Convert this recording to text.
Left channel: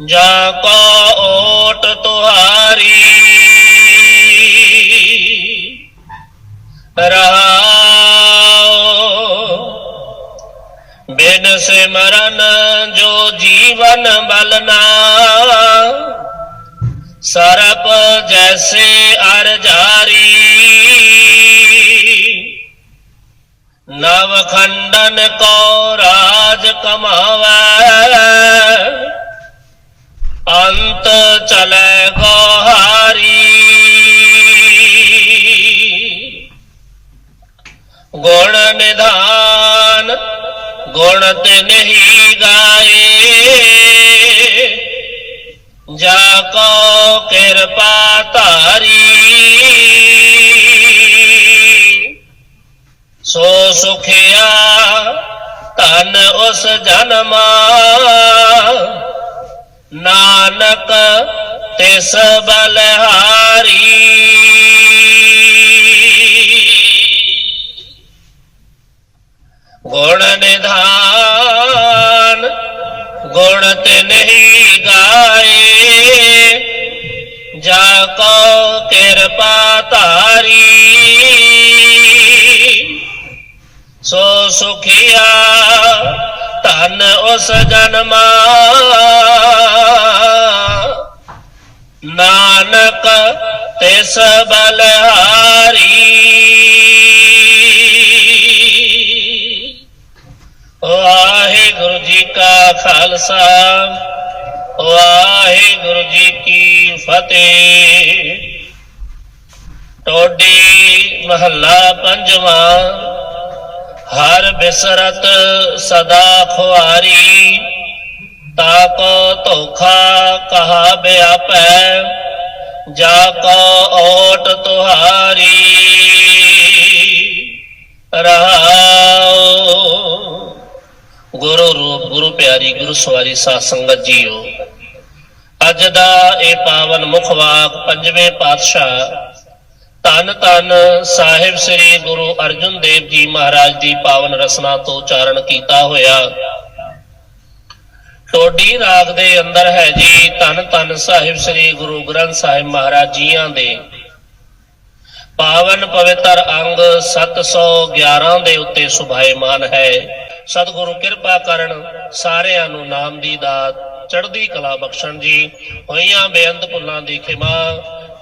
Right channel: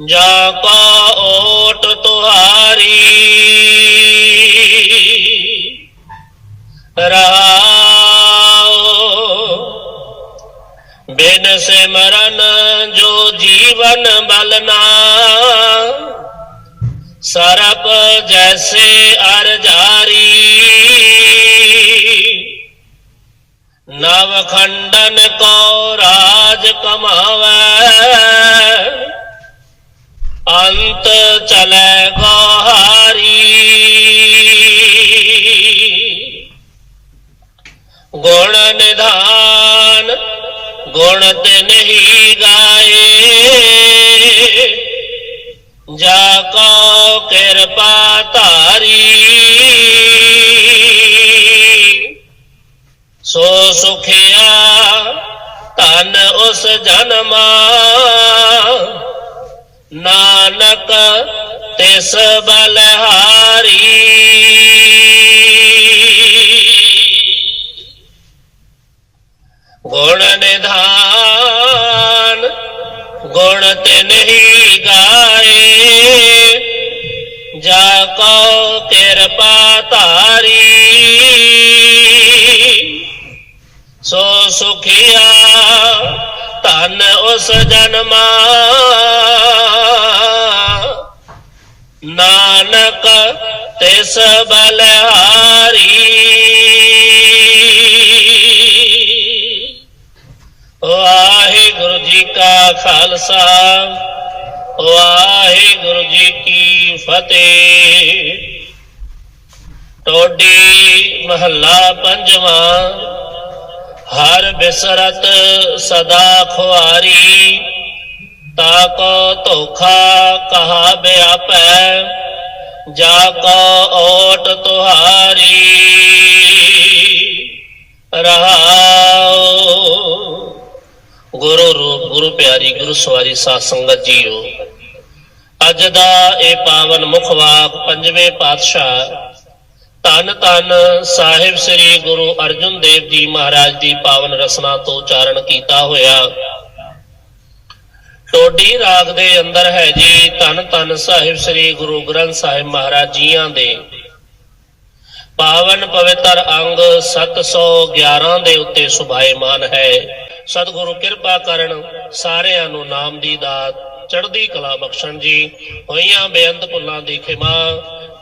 ਜਾ ਕੋ ਓਟ ਤੁਹਾਰੀ। ਰਹਾਉ ਬਿਨ ਸਿਮਰਨ ਜੋ ਜੀਵਨ ਬਲਨਾ ਸਰਪ ਜੈਸੇ ਅਰ ਜਾਰੀ। ਨਵ ਖੰਡਨ ਕੋ ਰਾਜ ਕਮਾਵੈ। ਅੰਤ ਚਲੇ ਗੋਹਾਰੀ। ਗੁਣ ਨਿਧਾਨ, ਗੁਣ ਤੇ ਨਹੀਂ ਗਾਏ। ਜਾ ਕੋ ਕਿਰਪਾ ਧਾਰੀ। ਸੋ ਸੁਖਿਆ ਧਨ ਉਸ ਜਨਮਾ। ਨਾਨਕ ਤਿਸ ਬਲਹਾਰੀ। ਗੁਣ ਨਿਧਾਨ, ਗੁਣ ਤੇ ਨਹੀਂ ਗਾਏ। ਜਾ ਕੋ ਕਿਰਪਾ ਧਾਰੀ। ਸੋ ਸੁਖਿਆ ਧਨ ਉਸ ਜਨਮਾ। ਨਾਨਕ ਤਿਸ ਬਲਹਾਰੀ। ਵਾਹਿਗੁਰੂ ਜੀ ਕਾ ਖਾਲਸਾ, ਵਾਹਿਗੁਰੂ ਜੀ ਕੀ ਫਤਿਹ। ਟੋਡੀ ਮਹੱਲਾ ਪੰਜਵਾਂ। ਹਰ ਬਿਸਰਤ ਸਦਾ ਖੁਆਰੀ ਤਾ ਧੋਖਾ ਕਹਾ ਬਿਆਪੈ, ਜਾ ਕੋ ਓਟ ਤੁਹਾਰੀ। ਰਹਾਉ ਗੁਰੂ ਰੂਪ, ਗੁਰੂ ਪਿਆਰੀ, ਗੁਰੂ ਸਵਾਰੀ ਸਾਧ ਸੰਗਤ ਜੀਓ। ਅੱਜ ਦਾ ਇਹ ਪਾਵਨ ਮੁਖ ਵਾਕ ਪੰਜਵੇਂ ਪਾਤਸ਼ਾਹ ਧੰਨ ਧੰਨ ਸਾਹਿਬ ਸ੍ਰੀ ਗੁਰੂ ਅਰਜਨ ਦੇਵ ਜੀ ਮਹਾਰਾਜ ਦੀ ਪਾਵਨ ਰਸਨਾ ਤੋਂ ਉਚਾਰਨ ਕੀਤਾ ਹੋਇਆ। ਟੋਡੀ ਰਾਗ ਦੇ ਅੰਦਰ ਹੈ ਜੀ ਧੰਨ ਧੰਨ ਸਾਹਿਬ ਸ੍ਰੀ ਗੁਰੂ ਗ੍ਰੰਥ ਸਾਹਿਬ ਮਹਾਰਾਜ ਜੀਆਂ ਦੇ। ਪਾਵਨ ਪਵਿੱਤਰ ਅੰਗ 711 ਦੇ ਉੱਤੇ ਸੁਭਾਏਮਾਨ ਹੈ। ਸਤਿਗੁਰੂ ਕਿਰਪਾ ਕਰਨ ਸਾਰਿਆਂ ਨੂੰ ਨਾਮ ਦੀ ਦਾਤ, ਚੜ੍ਹਦੀ ਕਲਾ ਬਖਸ਼ਣ ਜੀ, ਹੋਈਆਂ ਬੇਅੰਤ ਭੁੱਲਾਂ ਦੀ ਖਿਮਾ